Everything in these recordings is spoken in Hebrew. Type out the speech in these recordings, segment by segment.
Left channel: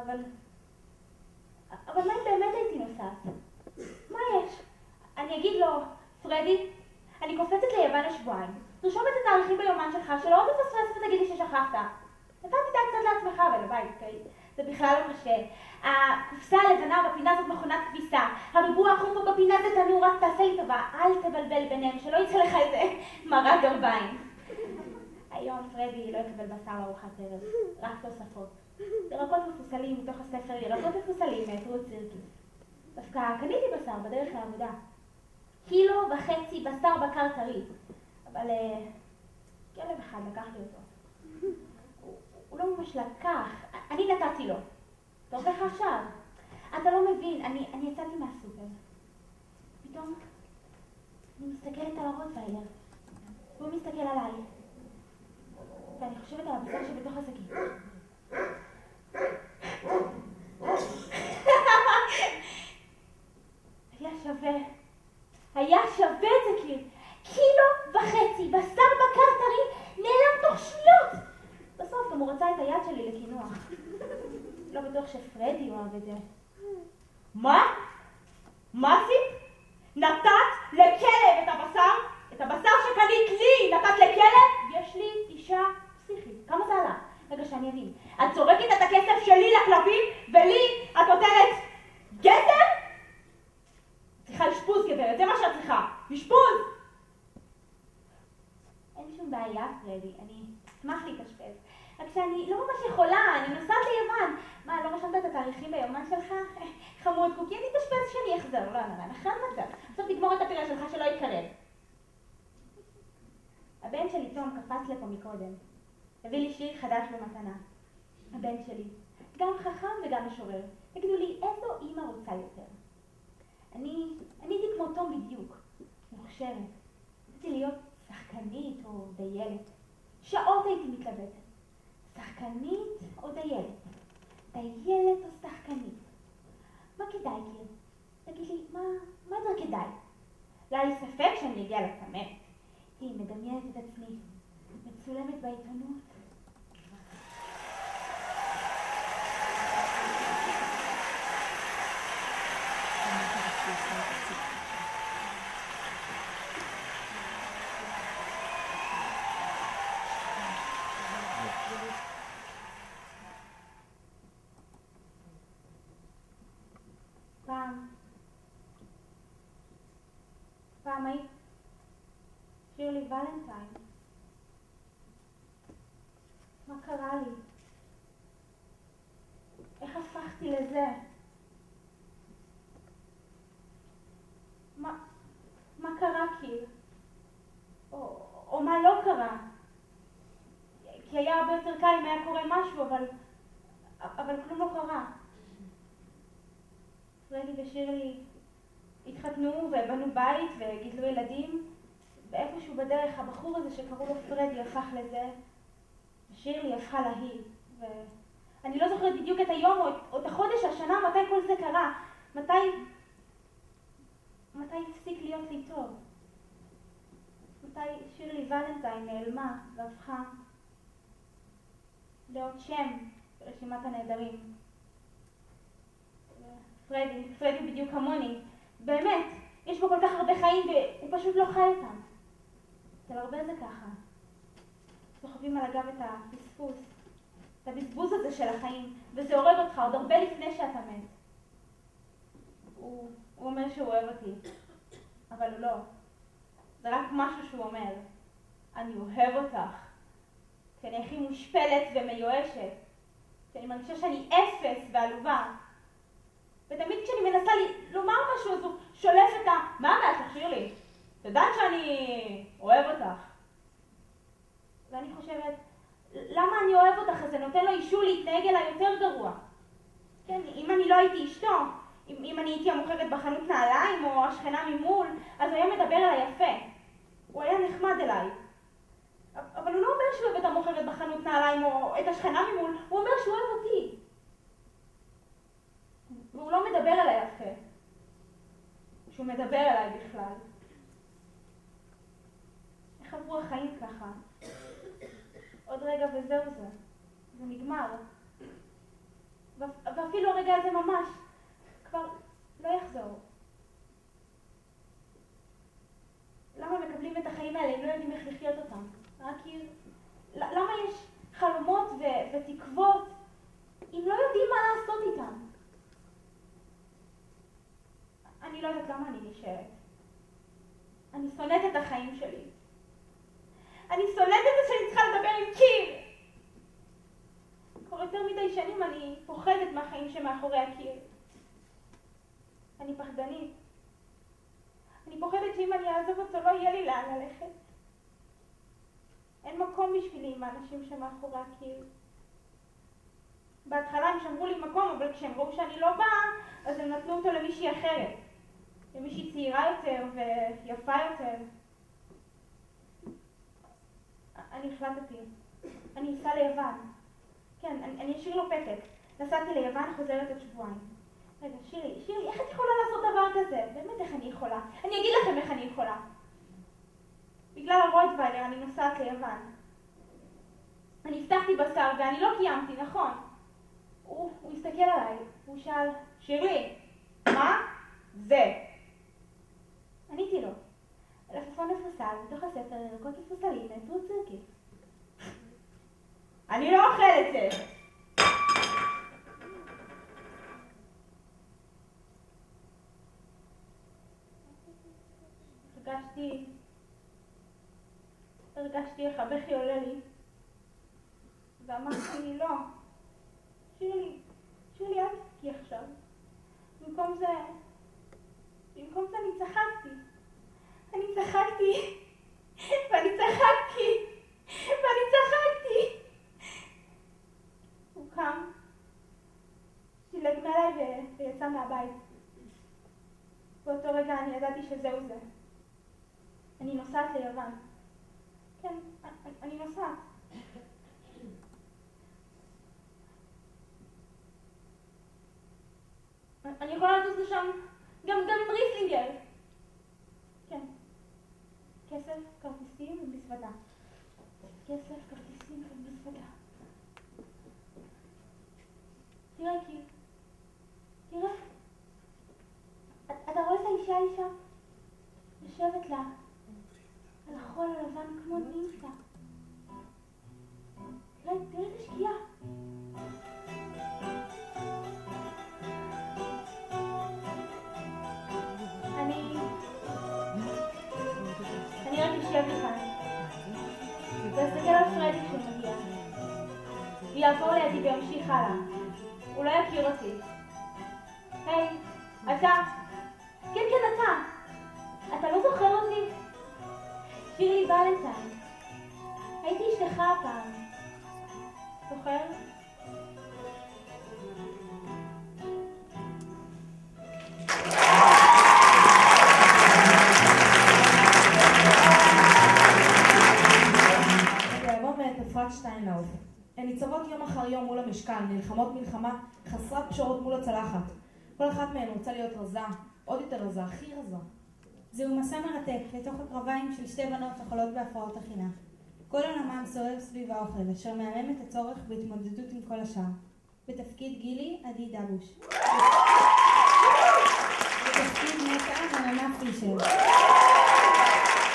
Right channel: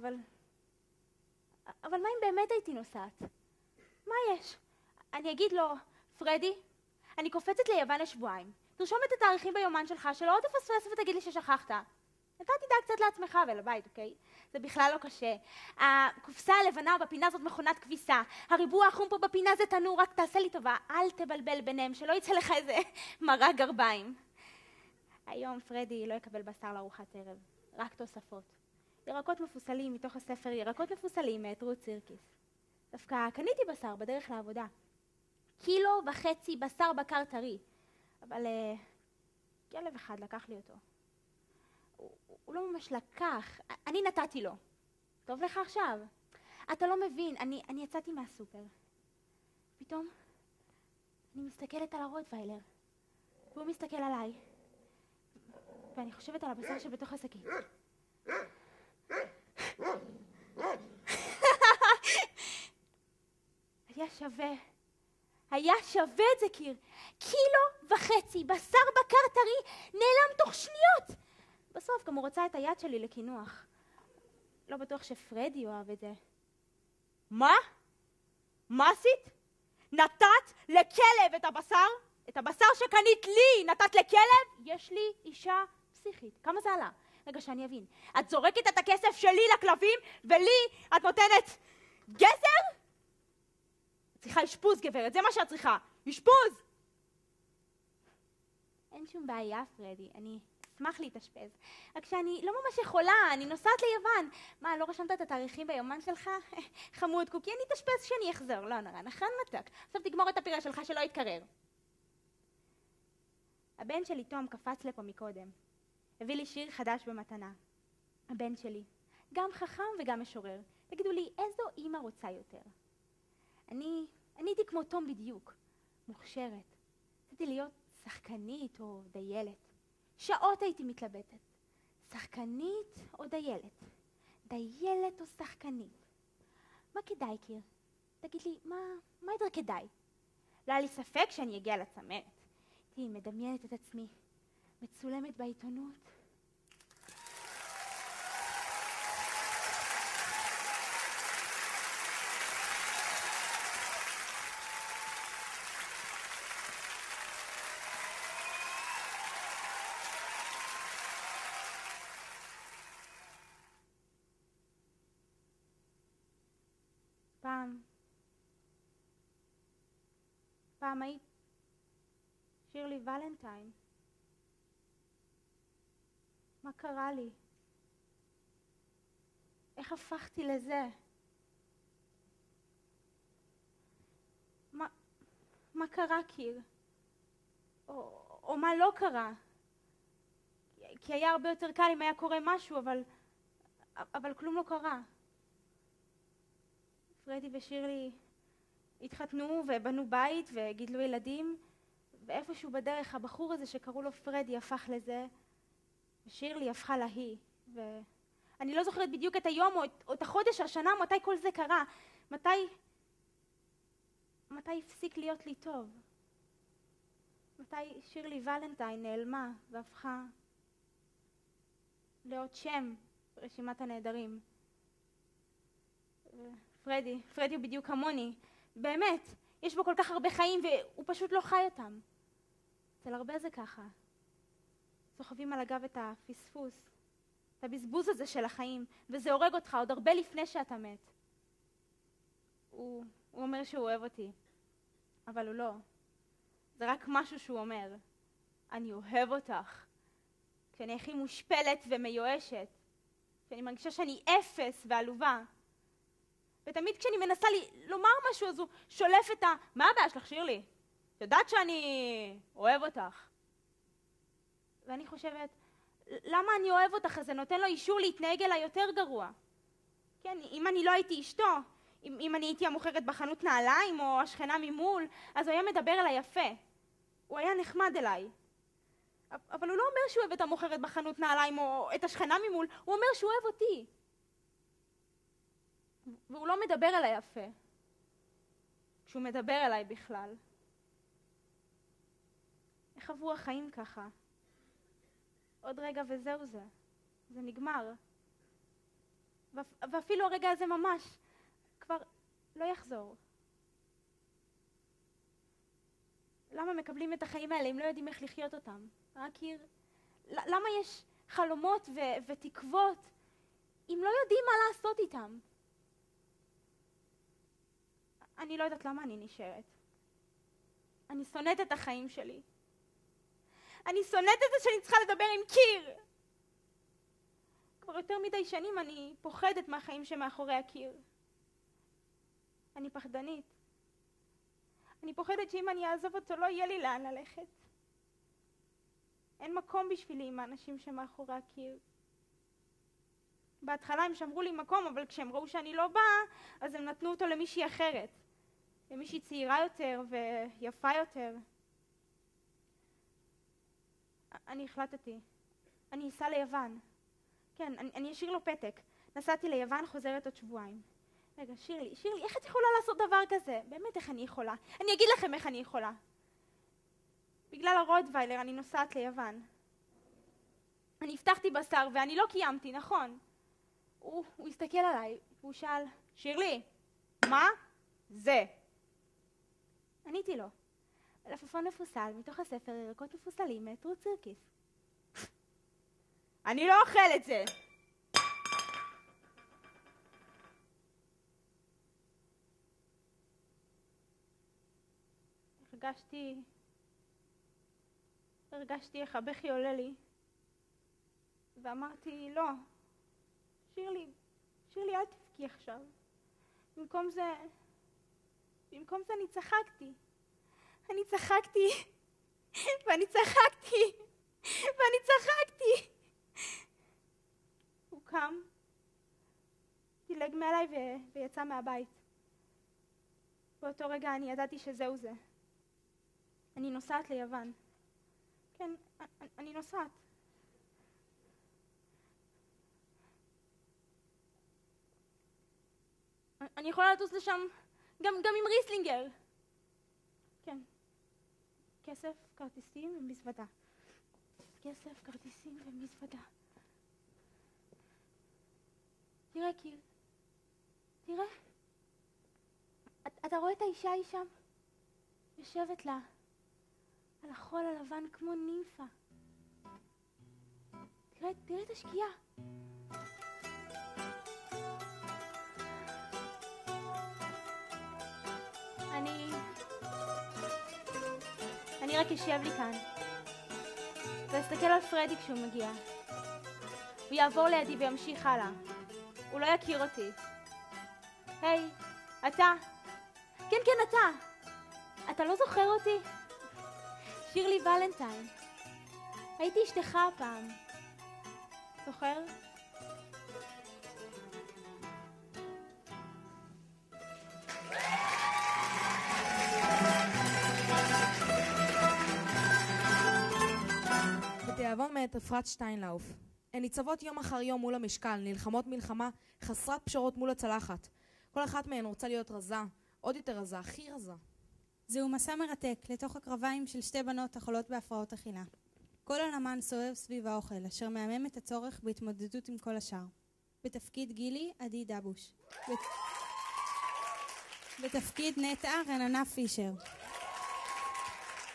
אבל מה אם באמת הייתי נוסעת? מה יש? אני אגיד לו, פרדי, אני קופצת ליוון לשבועיים. תרשום את התאריכים ביומן שלך, שלא עוד תפספס ותגיד לי ששכחת. אתה תדע קצת לעצמך ולבית, אוקיי? זה בכלל לא קשה. הקופסה הלבנה בפינה זאת מכונת כביסה. הריבוע החום פה בפינה זה תנור, רק תעשה לי טובה. אל תבלבל ביניהם, שלא יצא לך איזה מרק גרביים. היום פרדי לא יקבל בשר לארוחת ערב, רק תוספות. ירקות מפוסלים מתוך הספר, ירקות מפוסלים מהתרות סירקיס. דווקא קניתי בשר בדרך לעבודה. 1.5 קילו בשר בקר טרי. אבל כלב אחד לקח לי אותו. הוא לא ממש לקח, אני נתתי לו. טוב לך עכשיו? אתה לא מבין, אני יצאתי מהסופר. פתאום אני מסתכלת על הרוטוויילר, והוא מסתכל עליי. ואני חושבת על הבשר שלי בתוך השקית. היה שווה את זה קיר. 1.5 קילו בשר בקר טרי נעלם תוך שניות. בסוף גם הוא רצה את היד שלי לקינוח. לא בטוח שפרדי אוהב את זה. מה? מה זה? נתת לכלב את הבשר? את הבשר שקנית לי נתת לכלב? יש לי אישה פסיכית. כמה זה עלה? רגע שאני אבין. את זורקת את הכסף שלי לכלבים ולי את נותנת גזר? צריכה לשפוז גברת, זה מה שאת צריכה. לשפוז! אין שום בעיה, פרדי. אני אשמח להתאשפז. רק שאני לא ממש יכולה, אני נוסעת ליומן. מה, לא רשמת את התאריכים ביומן שלך? חמוד קוקי, אני אתאשפז שאני אחזור. לא, נכון מצלח. עכשיו תגמור את הפילה שלך שלא יתקרב. הבן שלי תום קפץ לפה מקודם. הביא לי שיר חדש במתנה. הבן שלי. גם חכם וגם משורר. תגידו לי, איזו אימא רוצה יותר? אני הייתי כמו תום בדיוק. מוכשרת. רציתי להיות שחקנית או דיילת. שעות הייתי מתלבטת. שחקנית או דיילת? דיילת או שחקנית? מה כדאי לי? תגיד לי, מה יותר כדאי? לא היה לי ספק שאני אגיע לצמרת. היא מדמיינת את עצמי, מצולמת בעיתונות. פעם היית שירלי ולנטיין. מה קרה לי? איך הפכתי לזה? מה קרה כאילו? או מה לא קרה? כי היה הרבה יותר קל אם היה קורה משהו, אבל כלום לא קרה. פרדי ושירלי התחתנו ובנו בית וגידלו ילדים, ואיפשהו בדרך הבחור הזה שקראו לו פרדי הפך לזה, שירלי הפכה להיא, ואני לא זוכרת בדיוק את היום או את החודש, השנה, מתי כל זה קרה, מתי הפסיק להיות לי טוב, מתי שירלי ולנטיין נעלמה והפכה לעוד שם ברשימת הנהדרים. פרדי בדיוק כמוני, באמת, יש בו כל כך הרבה חיים והוא פשוט לא חי אותם. אצל הרבה זה ככה. סוחבים על הגב את הפספוס, את הבזבוז הזה של החיים, וזה הורג אותך עוד הרבה לפני שאתה מת. הוא אומר שהוא אוהב אותי, אבל לא. זה רק משהו שהוא אומר. אני אוהב אותך. כי אני הכי מושפלת ומיואשת. כי אני מרגישה שאני אפס ועלובה. ותמיד כשאני מנסה לומר משהו, אז הוא שולף את מה הבעיה שלך, שירלי? את יודעת שאני אוהב אותך. ואני חושבת, למה אני אוהב אותך? אז זה נותן לו אישור להתנהג אליי יותר גרוע. כן, אם אני לא הייתי אשתו, אם אני הייתי המוכרת בחנות נעליים או השכנה ממול, אז הוא היה מדבר אליי יפה. הוא היה נחמד אליי. אבל הוא לא אומר שהוא אוהב את המוכרת בחנות נעליים או את השכנה ממול, הוא אומר שהוא אוהב אותי. והוא לא מדבר עליי יפה. שהוא מדבר עליי בכלל. איך עברו החיים ככה? עוד רגע וזהו זה. זה נגמר. החיים שמאחורי הקיר. אני פחדנית. אני פוחדת שאם אני אעזוב אותו לא יהיה לי לאן ללכת. אין מקום בשבילי עם האנשים שמאחורי הקיר. בהתחלה הם שמרו לי מקום, אבל כשהם ראו שאני לא באה, אז הם נתנו אותו למישהי אחרת. למישהי צעירה יותר ויפה יותר. אני החלטתי. אני אסע ליוון. כן, אני אשאיר לו פתק. נסעתי ליוון, חוזרת עוד שבועיים. רגע, שירי, איך את יכולה לעשות דבר כזה? באמת, איך אני יכולה? אני אגיד לכם איך אני יכולה. בגלל הרוטוויילר אני נוסעת ליוון. אני הבטחתי בשר ואני לא קיימתי, נכון? הוא הסתכל עליי, הוא שאל, שירי, מה? זה. עניתי לו. עפעפון מפוסל, בתוך הספר ירקות מפוסלים, נטרו צירקיס. אני לא אוכל את זה. הרגשתי איך הבכי עולה לי. ואמרתי, לא. שירי, אל תבכי עכשיו. במקום זה אני צחקתי. ואני צחקתי. הוא קם, דילג מעליי ויצא מהבית. באותו רגע אני ידעתי שזהו זה. אני נוסעת ליוון. כן, אני נוסעת. אני יכולה לטוס לשם גם עם ריסלינגר. כן. כסף, כרטיסים ומזוודה. תראה, אתה רואה את האישה שם? יושבת לה על החול הלבן כמו נימפה. תראה את השקיעה. אני רק אשב כאן ואסתכל על פרדי כשהוא מגיע. ויעבור לידי וימשיך הלאה. הוא לא יכיר אותי. היי, אתה. כן, אתה לא זוכר אותי? שירי ולנטיין. הייתי אשתך פעם. זוכר? שטיינלאוף. הן ניצבות יום אחר יום מול המשכן, נלחמות מלחמה חסרת פשרות מול הצלחת. כל אחת מהן רוצה להיות רזה, עוד יותר רזה, הכי רזה. זהו מסע מרתק לתוך הקרביים של שתי בנות החולות בהפרעות אכילה. כל הנמל סובב סביב האוכל, אשר מהמם את הצורך בהתמודדות עם כל השאר. בתפקיד גילי, עדי דבוש. בתפקיד נטע, עננה פישר.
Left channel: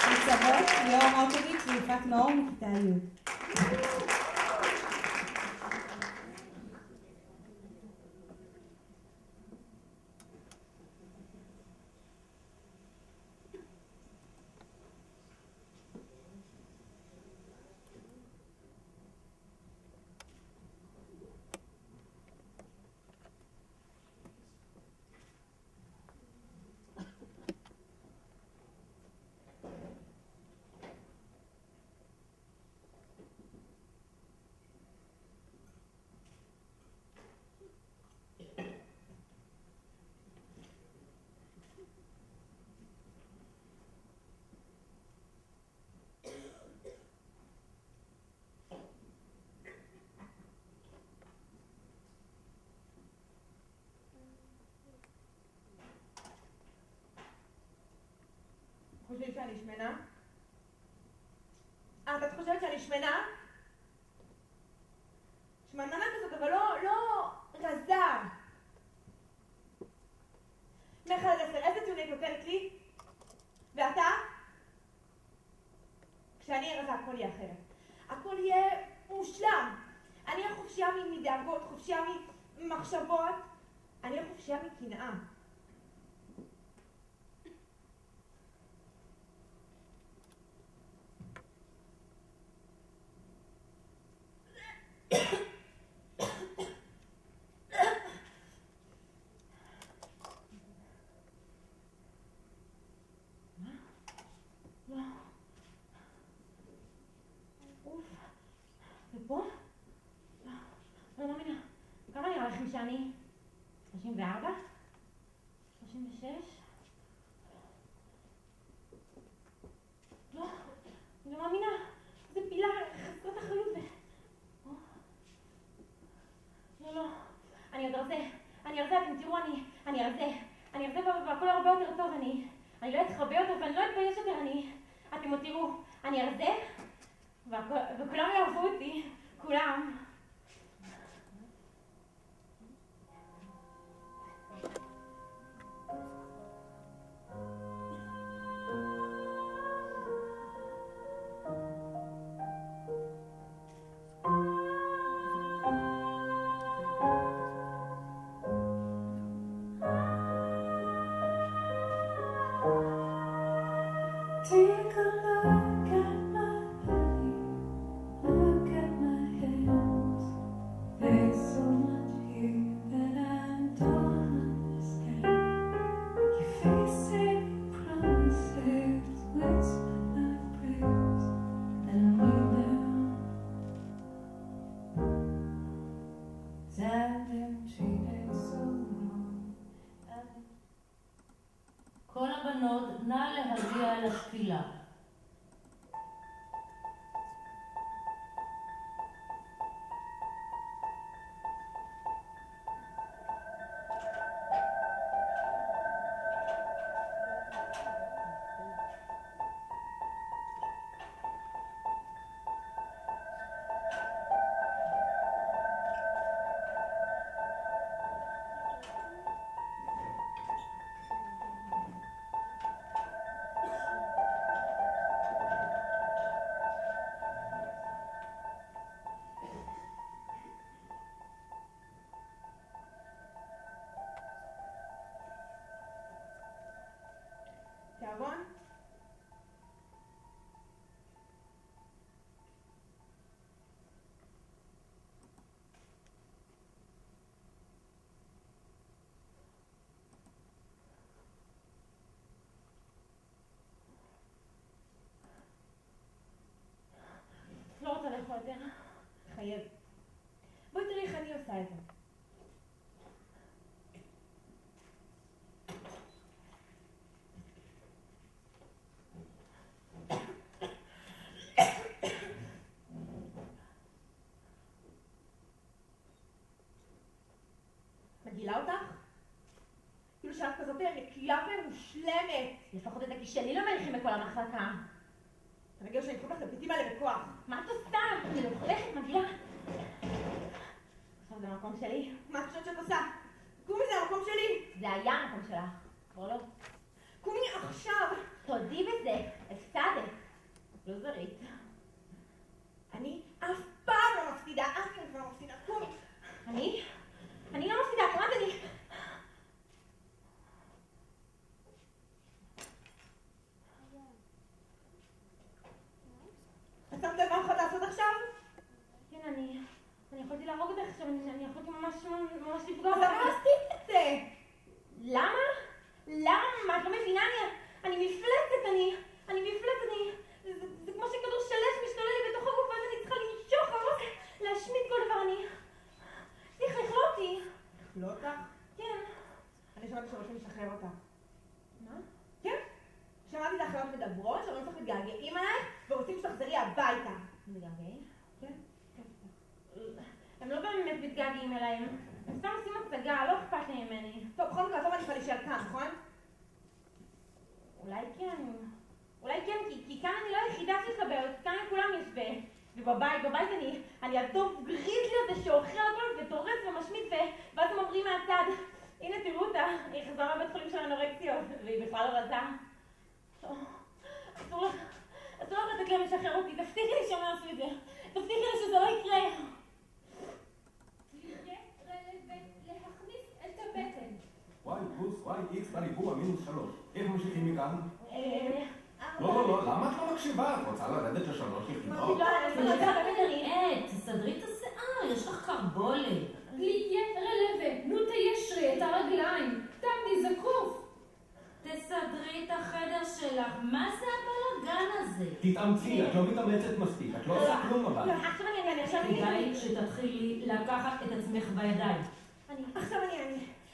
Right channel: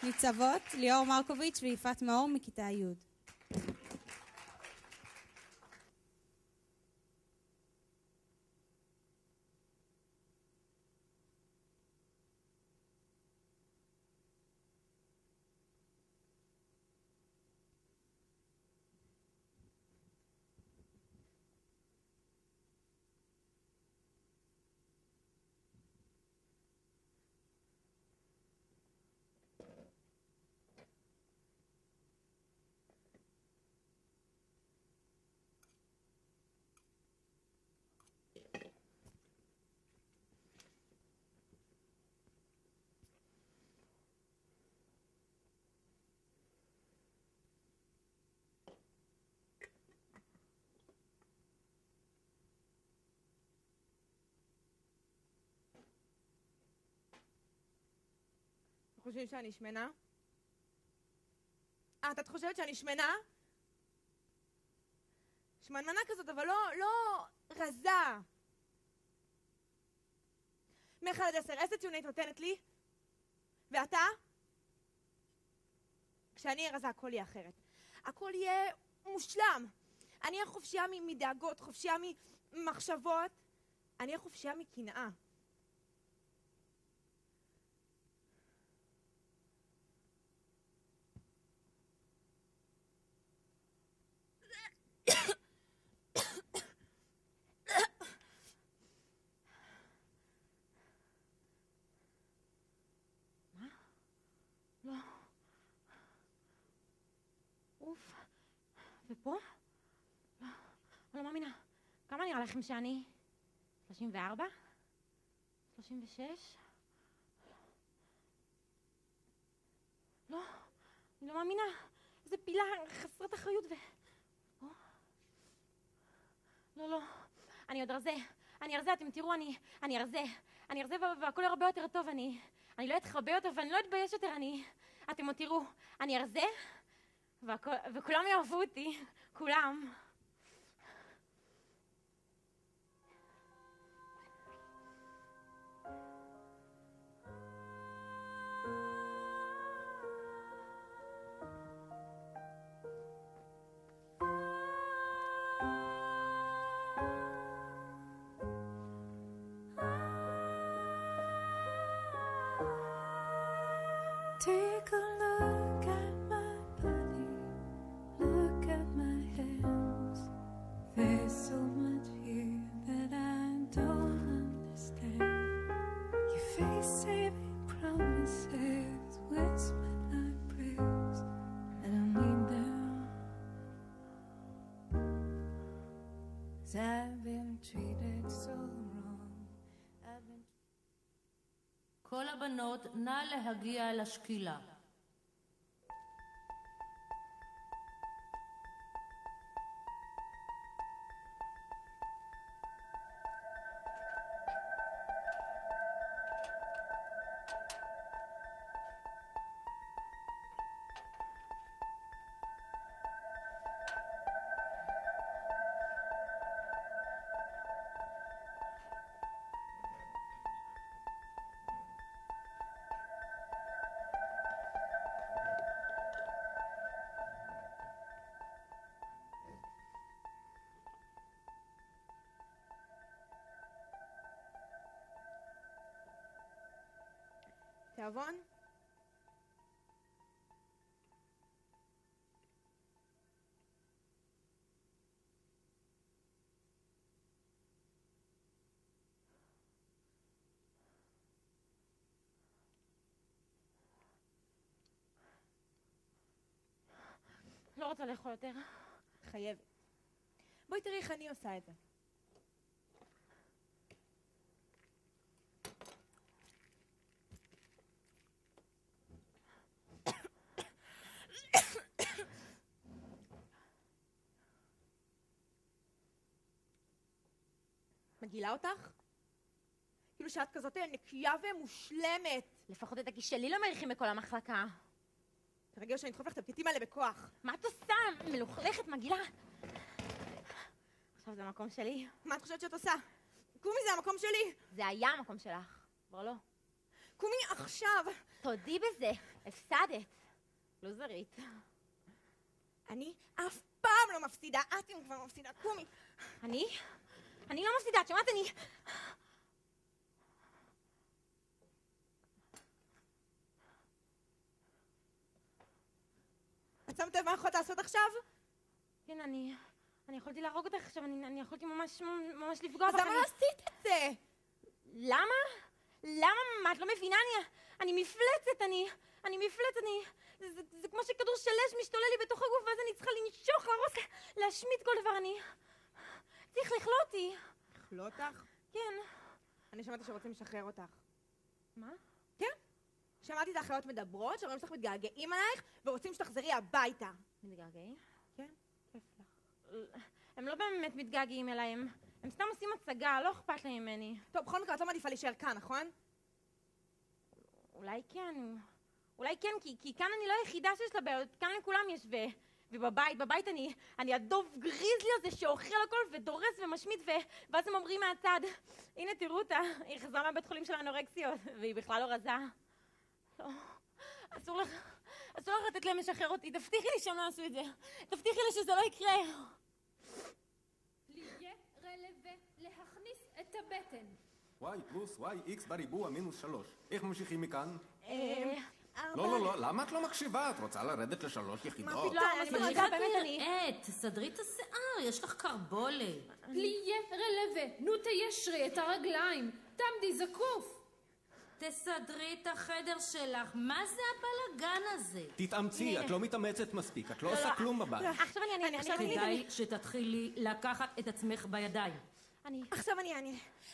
ניצבות, ליאור מרקוביץ' ויפעת מאור מכיתה י'. חושבים שאני שמנה? את חושבת שאני שמנה? שמנמנה כזאת, אבל לא רזה. מאחד עד 10, איזה ציון היית נותנת לי? ואתה? כשאני אהיה רזה, הכל יהיה אחרת. הכל יהיה מושלם. אני אהיה חופשייה מדאגות, חופשייה ממחשבות. אני אהיה חופשייה מקנאה. לכם שאני 34? 36? לא, אני לא מאמינה. איזה פילה חסרת אחריות. לא, אני עוד רזה, אתם תראו, אני רזה והכל הרבה יותר טוב, אני לא אתחבא יותר ואני לא אתבייש יותר, אתם עוד תראו, אני רזה וכולם יאהבו אותי, כולם. Take a look at my body, look at my hands. There's so much here that I don't understand. Your face saying promises, whisper like prayers, and leave them. 'Cause I've been treated so wrong. כל הבנות, נא להגיע לשקילה. תיאבון? לא רוצה לאכול יותר. חייב. בואי תראי איך אני עושה את זה. מגעילה אותך? כאילו שאת כזאת נקייה ומושלמת. לפחות את הכיס שלי לא מריחים בכל המחלקה. רגע שאני אתחפש את הביטים האלה בכוח. מה את עושה? מלוכלכת, מגעילה. עכשיו זה המקום שלי. מה את חושבת שאת עושה? קומי, זה המקום שלי. זה היה המקום שלך. כבר לא. קומי עכשיו. תודי בזה. הפסדת. לא זרית. אני אף פעם לא מפסידה. את כבר לא מפסידה. קומי. אני לא מפסידה, כמעט אני... את שמת לב מה הולכת לעשות עכשיו? כן, אני יכולתי להרוג אותך עכשיו, אני יכולתי ממש לפגוע. אז למה עשית את זה? למה? מה? את לא מבינה? אני מפלצת, אני מפלצת, זה כמו שכדור שלש משתולל לי בתוך הגוף, ואז אני צריכה למשוך, להשמיד כל דבר, צריך לאכול אותי. לא אותך? כן. אני שמעתי שרוצים לשחרר אותך. מה? כן? שמעתי את האחיות מדברות, שרואים שאתם מתגעגעים עליי, ורוצים שתחזרי הביתה. מתגעגעים? כן. הם לא באמת מתגעגעים אליי, הם סתם עושים הצגה, לא אכפת לי ממני. טוב, בכל מקרה, אני צריכה להישאר כאן, נכון? אולי כן, כי כאן אני לא היחידה שיש את הבעיות, כאן לכולם יש, ובבית אני הדוב גריזלי הזה שאוכל הכל ודורס ומשמיד, ואז הם אומרים מהצד, הנה תראו אותה, היא חזרה מהבית חולים של אנורקסיות, והיא בכלל לא רצה. אסור לך לתת לי לשחרר אותי, תבטיחי לי שלא נעשו את זה, תבטיחי לי שזה לא יקרה. להכניס את הבטן. וואי פלוס, וואי איקס בריבוע מינוס 3. איך ממשיכים מכאן? לא, למה את לא מקשיבה? את רוצה לרדת לשלוש לבנות? תסדרי את השיער, יש לך קרבולת. תהיה רלווה, נו תיישרי את הרגליים, תעמדי זקוף. תסדרי את החדר שלך, מה זה הבלגן הזה? תתאמצי, את לא מתאמצת מספיק, את לא עושה כלום אבל. כדאי שתתחילי לקחת את עצמך בידיים.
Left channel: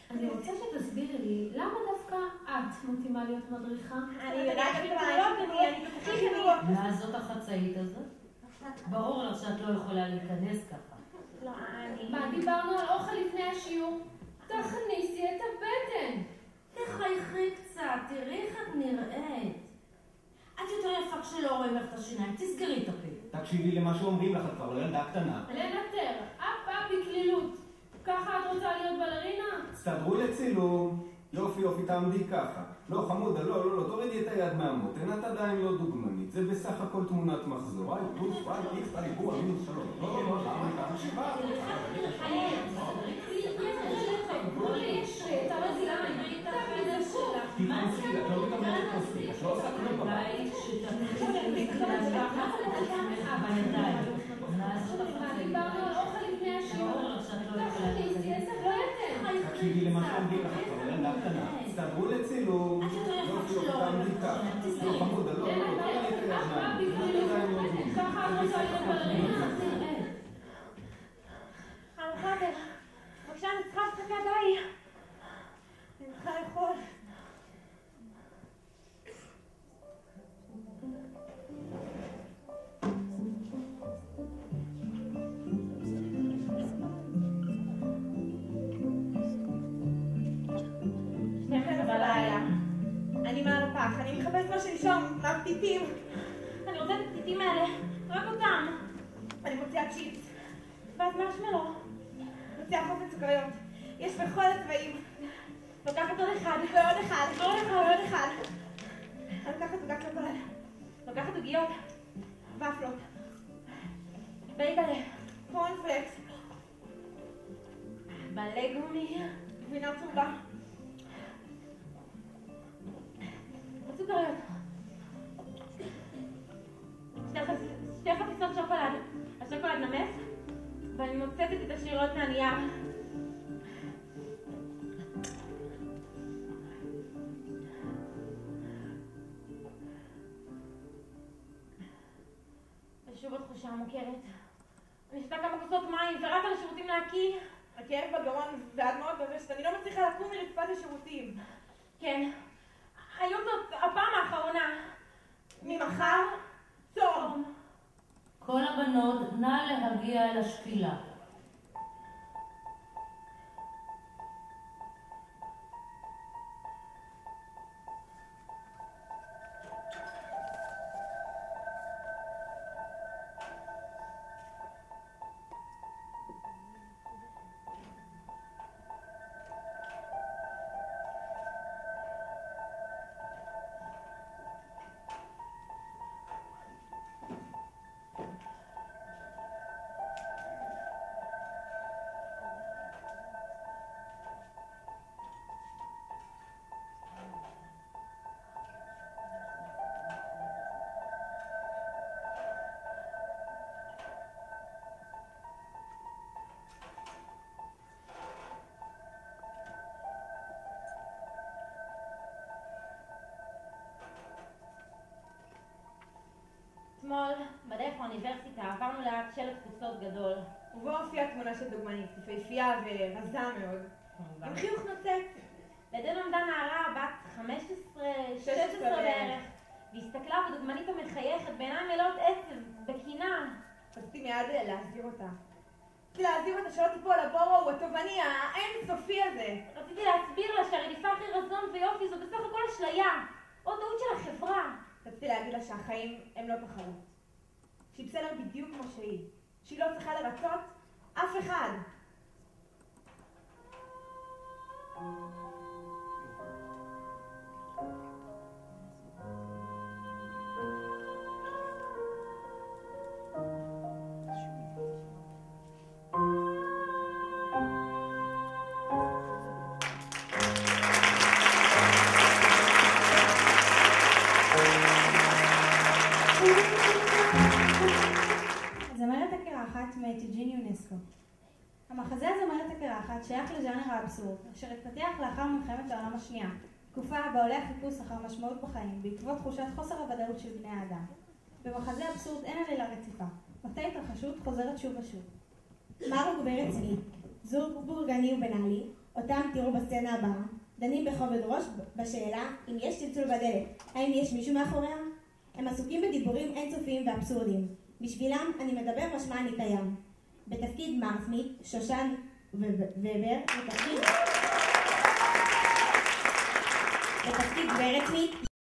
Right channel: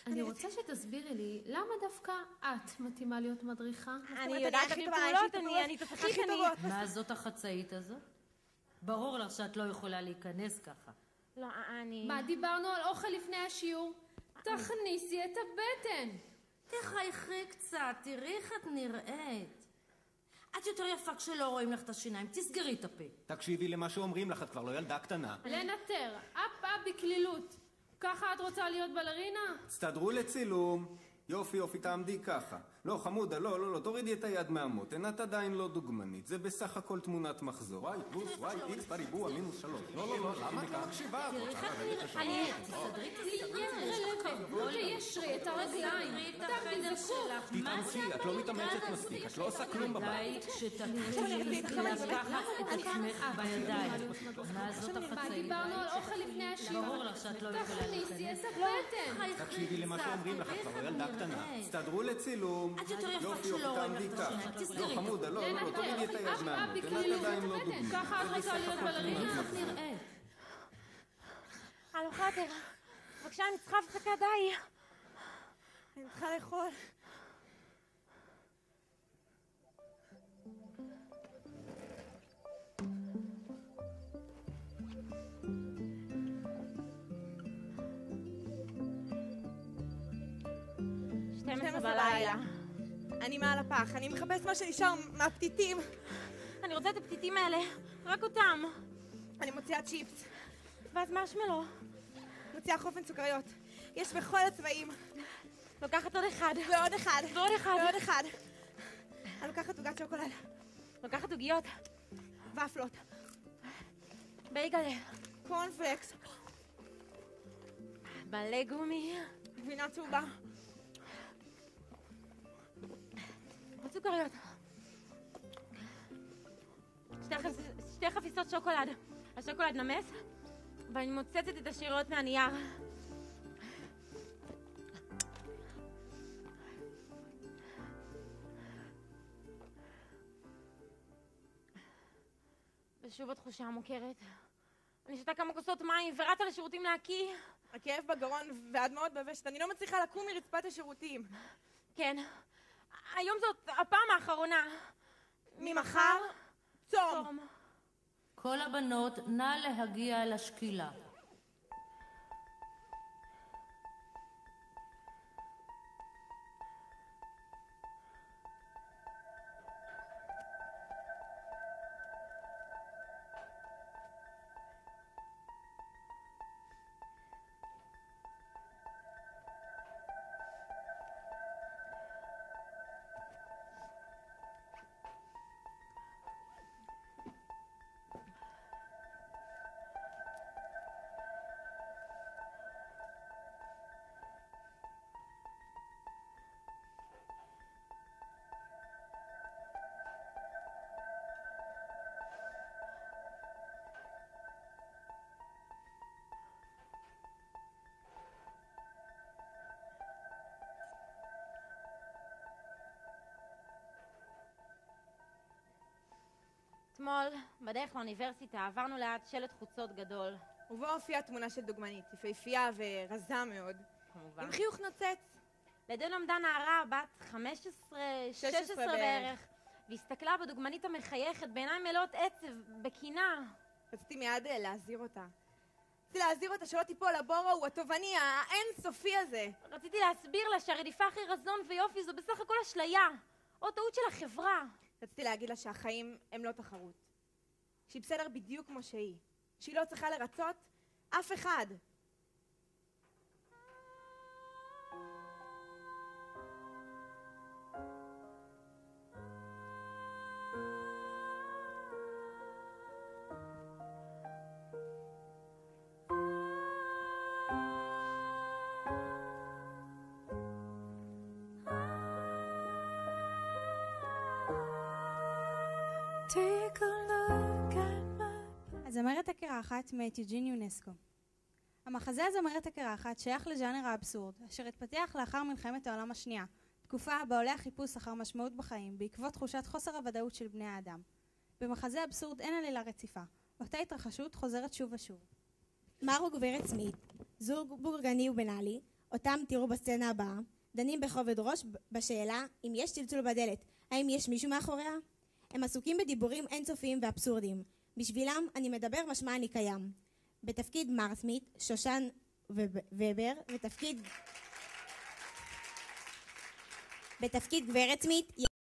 אני רוצה שתסבירי לי, למה דווקא את מתאימה להיות מדריכה? אני יודעת שבעלות, אני תתחיל לראות. מה זאת החצאית הזאת? ברור לך שאת לא יכולה להיכנס ככה. לא, אני... מה, דיברנו על אוכל לפני השיעור? תכניסי את הבטן. תחייכי קצת, תראי איך את נראית. את יותר יפה כשלא רואים לך את השיניים, תסגרי את הפה. תקשיבי למה שאומרים לך, את כבר לא ילדה קטנה. לנטר, אף בקלילות. ככה את רוצה להיות בלרינה? תסתדרו לצילום. יופי, תעמדי ככה. לא, חמודה, לא, תורידי את היד מהמותן, את עדיין לא דוגמנית. זה בסך הכל תמונת מחזור. Y פלוס Y, X בריבוע, מינוס 3. לא, למה אתה חשיבה? מוכרת. אני שתה כמה כוסות מים ורצה לשירותים להקיא. הכאב בגרון והדמעות בבשת, אני לא מצליחה לקום מרצפת השירותים. כן. היום זאת הפעם האחרונה. ממחר? צום. כל הבנות, נא להגיע לשקילה. בדרך לאוניברסיטה עברנו ליד שלט חוצות גדול. ובו הופיעה תמונה של דוגמנית, יפהפייה ורזה מאוד. עם חיוך נוצץ. לידינו עמדה נערה בת 16 בערך, והסתכלה בדוגמנית המחייכת בעיניים מלאות עצב, בקינה. רציתי מיד להזהיר אותה. רציתי להזהיר אותה שלא תיפול לבור ההוא התובעני האינסופי הזה. רציתי להסביר לה שהרדיפה אחרי רזון ויופי זו בסך הכל אשליה, או טעות של החברה. רציתי להגיד לה שהחיים הם לא תחרות. שהיא בסדר בדיוק כמו שהיא. שהיא לא צריכה לרצות אף אחד. שייך לז'אנר האבסורד, אשר התפתח לאחר מלחמת העולם השנייה, תקופה בה עולה חיפוש אחר משמעות בחיים, בעקבות תחושת חוסר הוודאות של בני האדם. במחזה אבסורד אין עלילה רציפה, אותה התרחשות חוזרת שוב ושוב. מר וגברת סמית, זוג בורגני ובנאלי, אותם תראו בסצנה הבאה, דנים בכובד ראש בשאלה אם יש צלצול בדלת, האם יש מישהו מאחוריה? הם עסוקים בדיבורים אינסופיים ואבסורדיים. בשבילם אני מדבר משמע אני קיים. בתפקיד מרסמי, שושן ובר, בתפקיד ברצמי,